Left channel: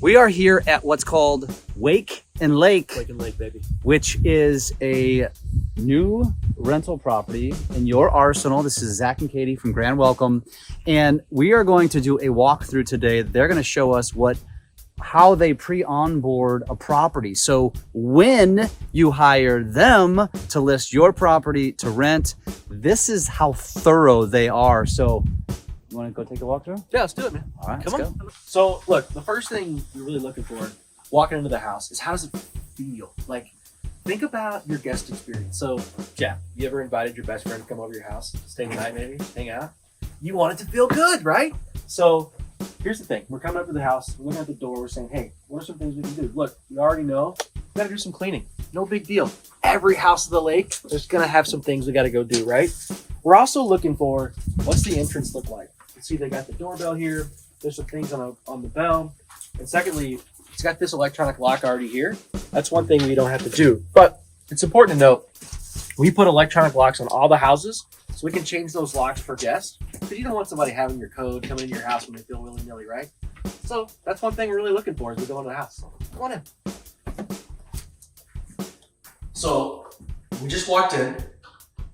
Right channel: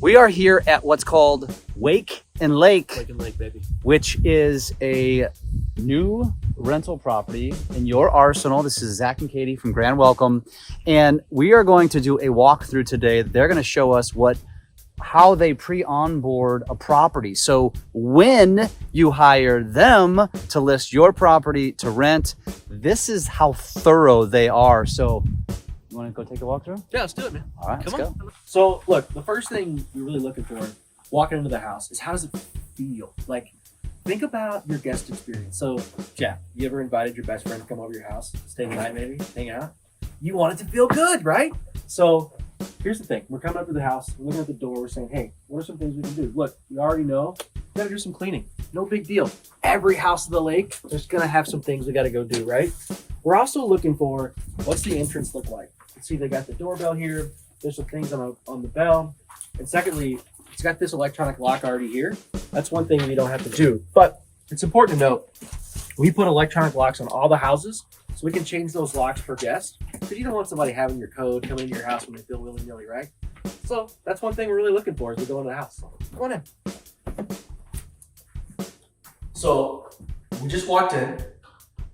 We are here at what's called Wake and Lake, Baby. Which is a new rental property in your arsenal. This is Zach and Katie from Grand Welcome, and we are going to do a walkthrough today. They're going to show us how they pre-onboard a property. So when you hire them to list your property to rent, this is how thorough they are. So you want to go take a walk through? Yeah, let's do it, man. All right, Come let's on. go. So look, the first thing you're really looking for walking into the house is how does it feel? Like, think about your guest experience. So, Jeff, you ever invited your best friend to come over to your house, stay the night maybe, hang out? You want it to feel good, right? So here's the thing. We're coming up to the house, we're looking at the door, we're saying, hey, what are some things we can do? Look, we already know we gotta do some cleaning. No big deal. Every house of the lake, there's gonna have some things we gotta go do, right? We're also looking for, what's the entrance look like? You see they got the doorbell here, there's some things on the bell. And secondly, it's got this electronic lock already here. That's one thing we don't have to do. But it's important to note, we put electronic locks on all the houses so we can change those locks for guests. But you don't want somebody having your code coming into your house when they feel willy-nilly, right? So that's one thing we're really looking for as we go into the house. So come on in. So we just walked in.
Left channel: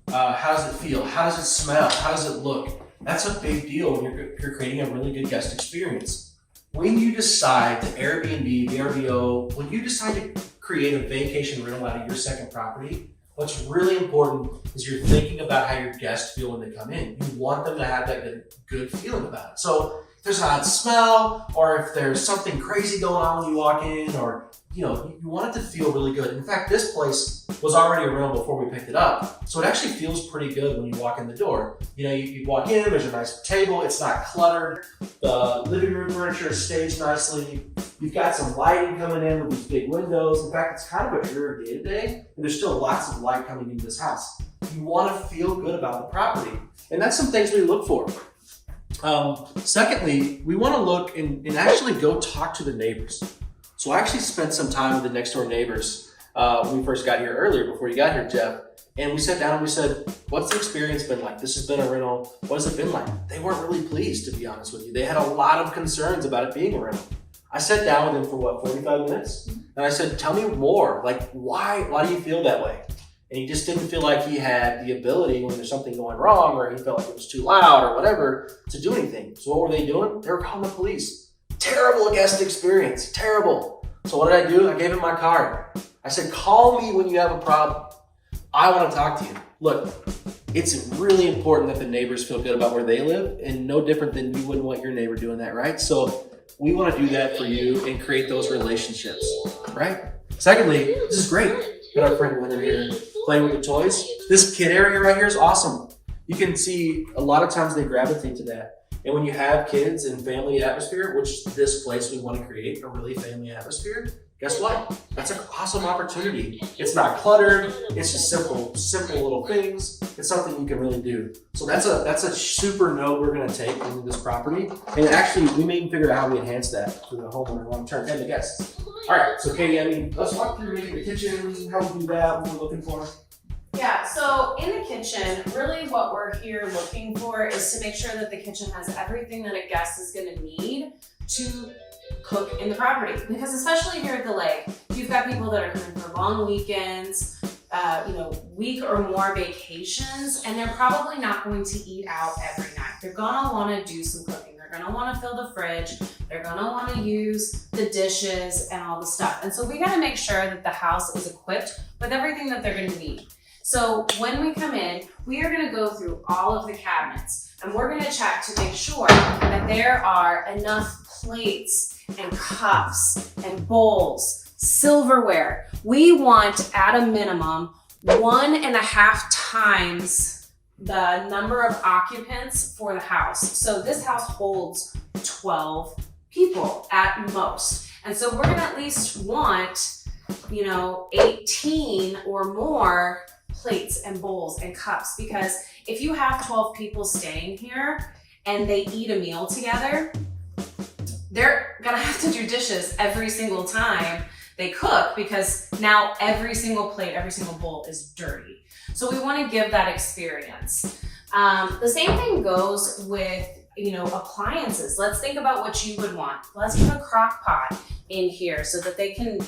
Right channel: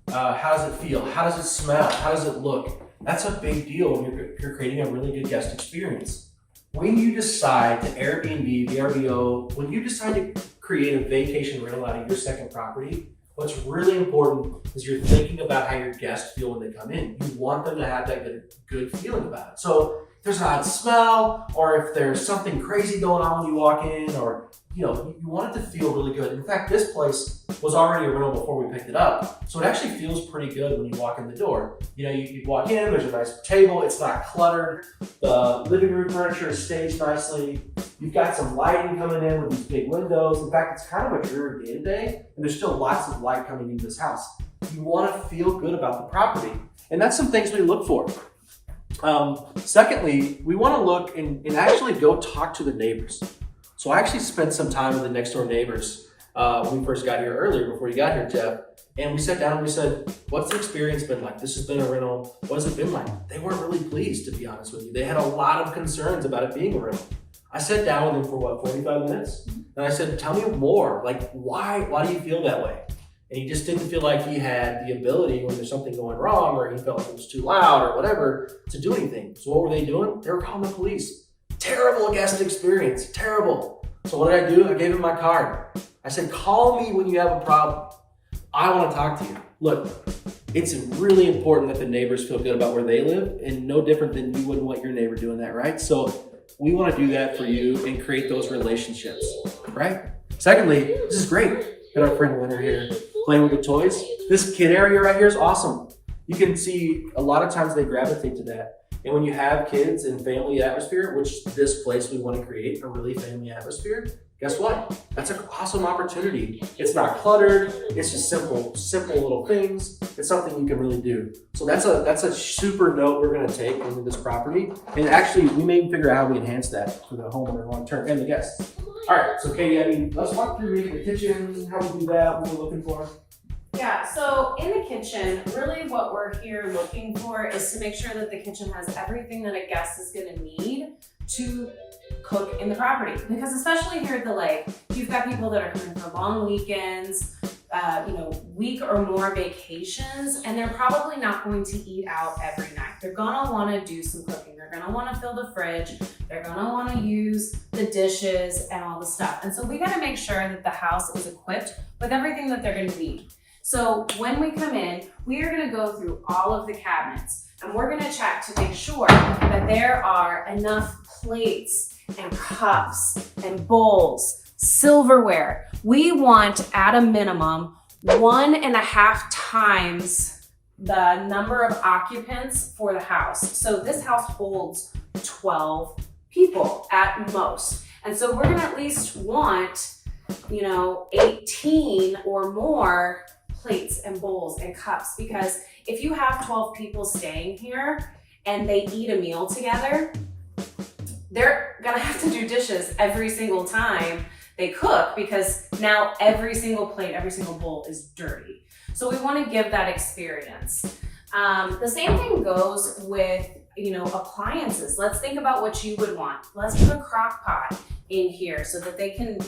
How does it feel? How does it smell? How does it look? That's a big deal when you're creating a really good guest experience. When you decide to Airbnb, VRBO, when you decide to create a vacation rental out of your second property, what's really important is you're thinking about how your guests feel when they come in. You want them to have that good feeling about it. So if there's an odd smell, or if there's something crazy going on when you walk in, or you want it to feel really good. In fact, this place was already a rental before we picked it up. So it actually feels pretty good when you walk in the door. You walk in, there's a nice table, it's not cluttered. The living room furniture is staged nicely. You've got some lighting coming in with these big windows. In fact, it's kind of a dreary day today, and there's still lots of light coming into this house. You want to feel good about the property. And that's some things we look for. Secondly, we want to look and actually go talk to the neighbors. So I actually spent some time with the next door neighbors when we first got here earlier, before you got here, Jeff. And we sat down and we said, what's the experience been like? This has been a rental. What has it been like? They weren't really pleased, to be honest with you. They had a lot of concerns about it being a rental. I sat down with him for 45 minutes? And I said, tell me more. Like, why do you feel that way? And he just didn't feel like he had the ability when there's something going wrong, or he felt like it was too loud or whatever, to do anything. So what were they doing? They were calling the police. Terrible guest experience, terrible. So what did I do? I gave him my card. I said, call me when you have a problem. I want to talk to you. Look, it's really important that the neighbors feel good about where they live, and no different than you wouldn't want your neighbor doing that, right? So we want to do that for you and create those relationships, right? Secondly, this is great. Got our friend Winter here playing with the toys. This kid area right here is awesome. You can see a lot of times they gravitate to that. And when you have kids and family atmosphere, which this place we want to create a really family atmosphere, guess what? That's an awesome opportunity. It's not cluttered. It's just simple little things. It's something you can really do. So that's a super note we're going to take into this property. And actually, we may even figure out how we enhance that for the homeowner long term and the guests. All right, so Katie, let's walk through the kitchen, how we do that, what we're looking for. Yeah, so in the kitchen, really what we're here looking for is to make sure that the kitchen has everything that a guest is gonna need to cook in the property. Because especially here at the lake, you've got people that are coming for long weekends, week or more vacations, and they're probably not going to eat out every night. They're gonna wanna do some cooking. They're gonna wanna fill the fridge. They're gonna wanna use the dishes and all the stuff. And so we gotta make sure that the house is equipped with everything that they're gonna need. So when we come in, we are gonna go through all of the cabinets, and we're gonna check to make sure that there are enough plates and cups and bowls, silverware. We want, at a minimum, 1.5 times the number of occupants for the house. So this house holds 12 people at most. And so we're gonna at least want, 18 or more plates and bowls and cups, because if you have 12 people staying here and they eat a meal together, they're gonna have to do dishes every single time they cook, because now every single plate, every single bowl is dirty. So we want to give that experience. The same thing goes with, appliances. Let's think about what you would want. Let's put a crock pot in here so that they can,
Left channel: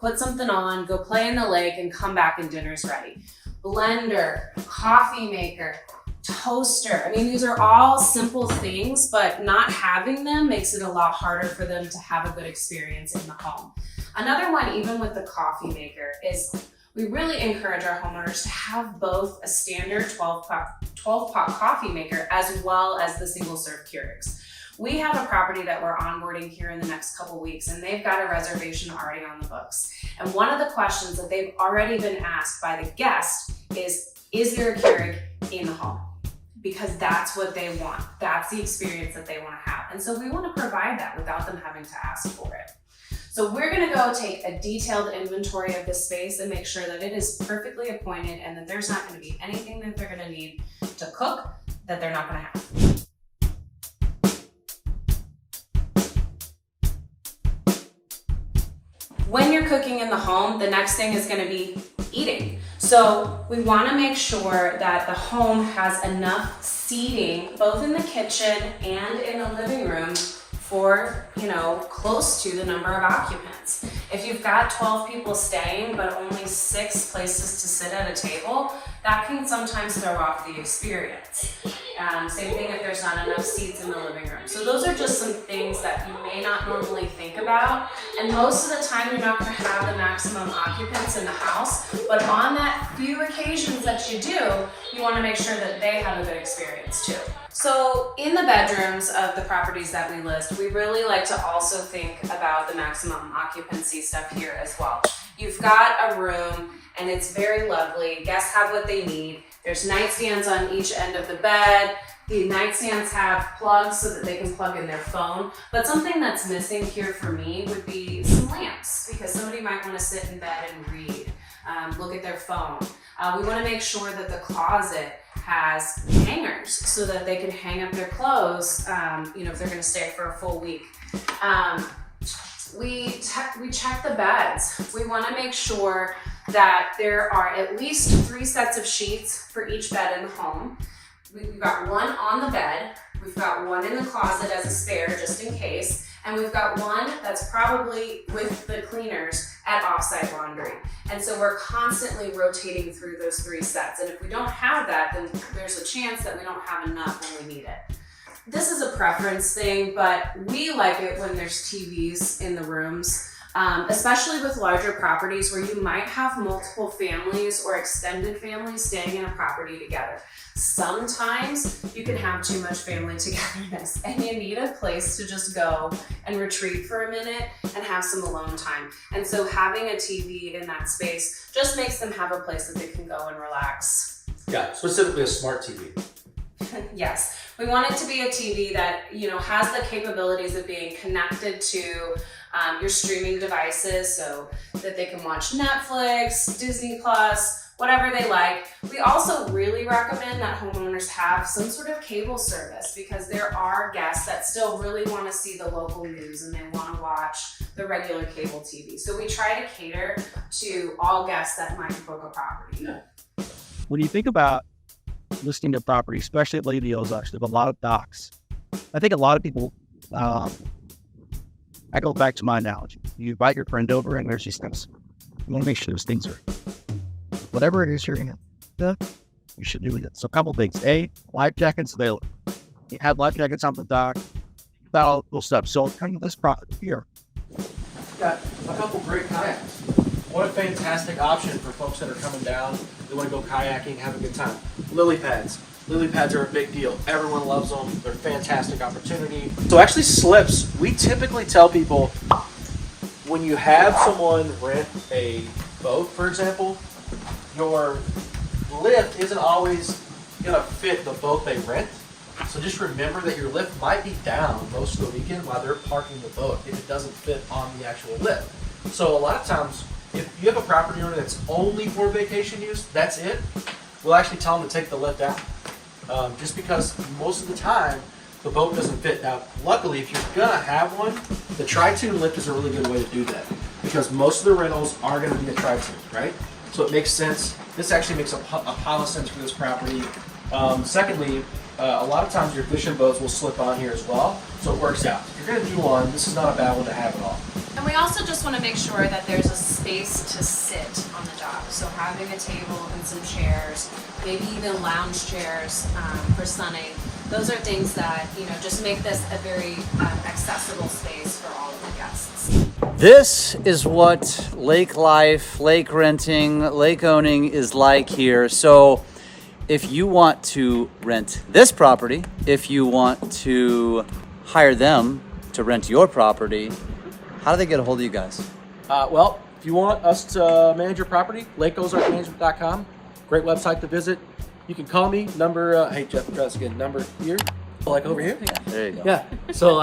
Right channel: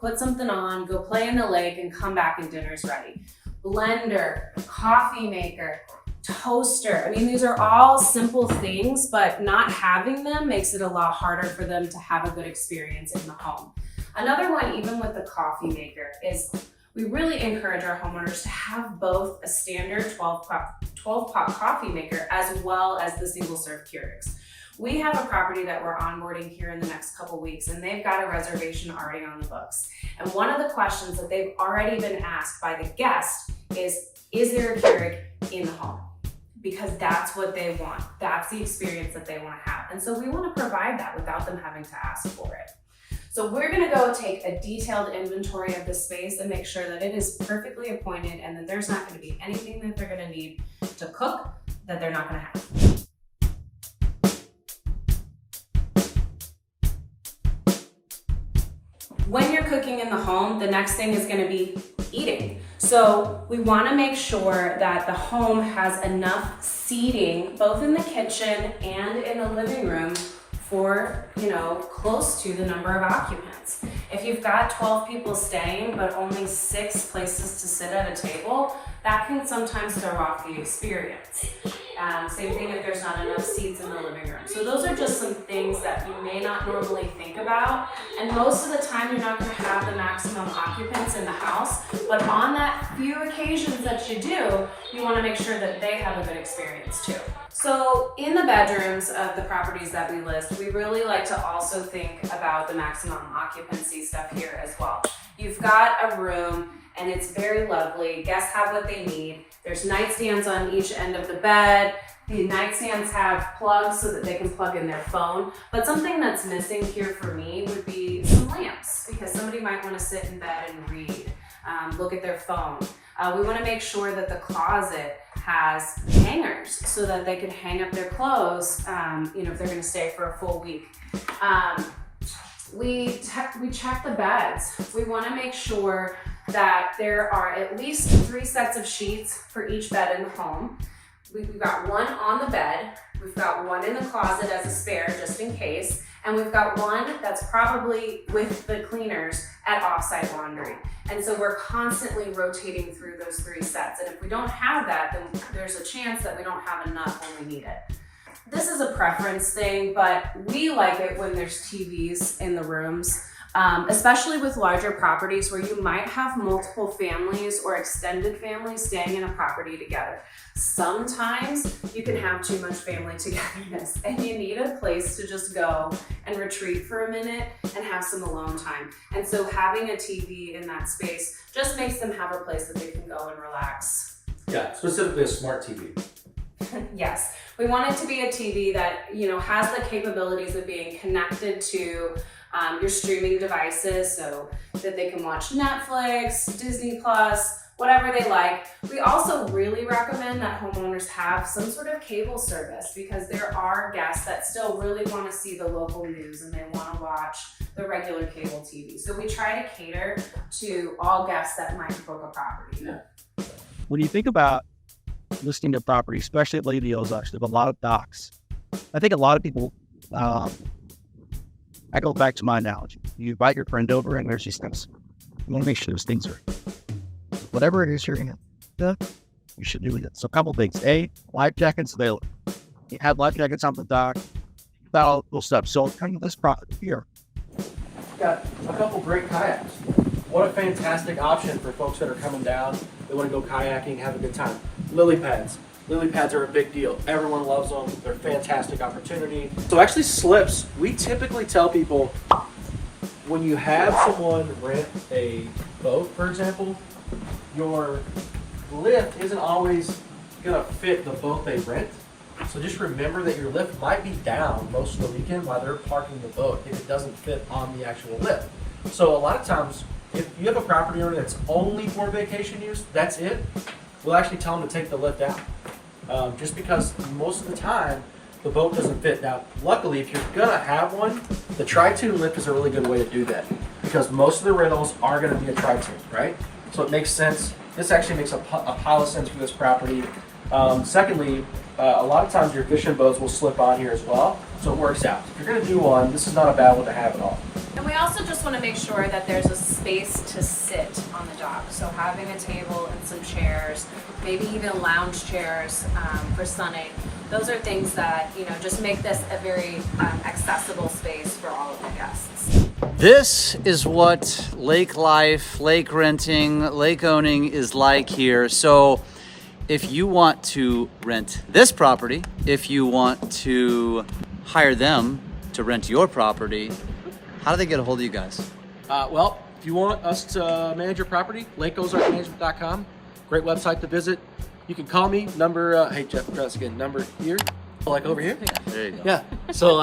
put something on, go play in the lake, and come back and dinner's ready. Blender, coffee maker, toaster. I mean, these are all simple things, but not having them makes it a lot harder for them to have a good experience in the home. Another one, even with the coffee maker, is we really encourage our homeowners to have both a standard 12-pot coffee maker as well as the single serve Keurigs. We have a property that we're onboarding here in the next couple weeks, and they've got a reservation already on the books. And one of the questions that they've already been asked by the guest is there a Keurig in the home? Because that's what they want. That's the experience that they want to have. And so we want to provide that without them having to ask for it. So we're going to go take a detailed inventory of this space and make sure that it is perfectly appointed and that there's not going to be anything that they're going to need to cook that they're not going to have. When you're cooking in the home, the next thing is going to be eating. So we want to make sure that the home has enough seating, both in the kitchen and in the living room, for, close to the number of occupants. If you've got 12 people staying, but only 6 places to sit at a table, that can sometimes throw off the experience. Same thing if there's not enough seats in the living room. So those are just some things that you may not normally think about. And most of the time, you're not going to have the maximum occupants in the house. But on that few occasions that you do, you want to make sure that they have a good experience too. So in the bedrooms of the properties that we list, we really like to also think about the maximum occupancy stuff here as well. You've got a room and it's very lovely. Guests have what they need. There's nightstands on each end of the bed. The nightstands have plugs so that they can plug in their phone. But something that's missing here for me would be some lamps, because somebody might want to sit in bed and read, look at their phone. We want to make sure that the closet has hangers so that they can hang up their clothes, if they're going to stay for a full week. We check the beds. We want to make sure that there are at least 3 sets of sheets for each bed in the home. We've got one on the bed. We've got one in the closet as a spare, just in case. And we've got one that's probably with the cleaners at offsite laundry. And so we're constantly rotating through those 3 sets. And if we don't have that, then there's a chance that we don't have enough when we need it. This is a preference thing, but we like it when there's TVs in the rooms, especially with larger properties where you might have multiple families or extended families staying in a property together. Sometimes you can have too much family togetherness and you need a place to just go and retreat for a minute and have some alone time. And so having a TV in that space just makes them have a place that they can go and relax. Yeah, specifically a smart TV. Yes, we want it to be a TV that, has the capabilities of being connected to your streaming devices so that they can watch Netflix, Disney Plus, whatever they like. We also really recommend that homeowners have some sort of cable service, because there are guests that still really want to see the local news and they want to watch the regular cable TV. So we try to cater to all guests that might book a property. Yeah. When you think about listing a property, especially at Lady Ozarks, there's a lot of docks. I think a lot of people, I go back to my analogy. You invite your friend over and there's these things. You want to make sure those things are, whatever it is you're going to, you should do it. So a couple things. A, life jackets available. You have life jackets on the dock, that all cool stuff. So come to this property here. Got a couple great kayaks. What a fantastic option for folks that are coming down. They want to go kayaking, have a good time. Lily pads. Lily pads are a big deal. Everyone loves them. They're a fantastic opportunity. So actually slips, we typically tell people when you have someone rent a boat, for example, your lift isn't always gonna fit the boat they rent. So just remember that your lift might be down most of the weekend while they're parking the boat if it doesn't fit on the actual lift. So a lot of times, if you have a property owner that's only for vacation use, that's it, we'll actually tell them to take the lift out. Just because most of the time, the boat doesn't fit. Now, luckily, if you're gonna have one, the tri-tune lift is a really good way to do that, because most of the rentals are gonna be a tri-tune, right? So it makes sense. This actually makes a pile of sense for this property. Secondly, a lot of times your fishing boats will slip on here as well, so it works out. If you're gonna do one, this is not a bad one to have at all. And we also also just want to make sure that there's a space to sit on the dock. So having a table and some chairs, maybe even lounge chairs for sunning. Those are things that, you know, just make this a very accessible space for all of the guests. This is what lake life, lake renting, lake owning is like here. So if you want to rent this property, if you want to hire them to rent your property, how do they get a hold of you guys? Well, if you want us to manage your property, lakeozarkmanagement.com. Great website to visit. You can call me, number, hey Jeff, try this again, number here, like over here. There you go. Yeah, so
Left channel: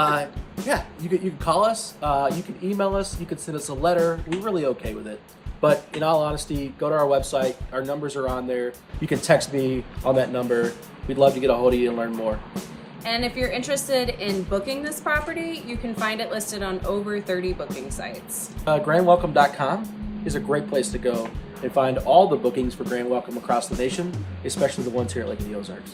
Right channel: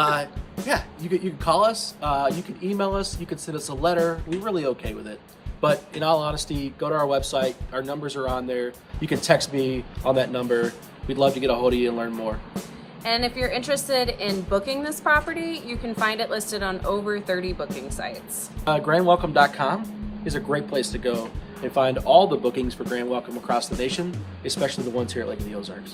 yeah, you can call us, you can email us, you can send us a letter. We're really okay with it. But in all honesty, go to our website, our numbers are on there. You can text me on that number. We'd love to get a hold of you and learn more. And if you're interested in booking this property, you can find it listed on over 30 booking sites. GrandWelcome.com is a great place to go and find all the bookings for Grand Welcome across the nation, especially the ones here at Lake of the Ozarks.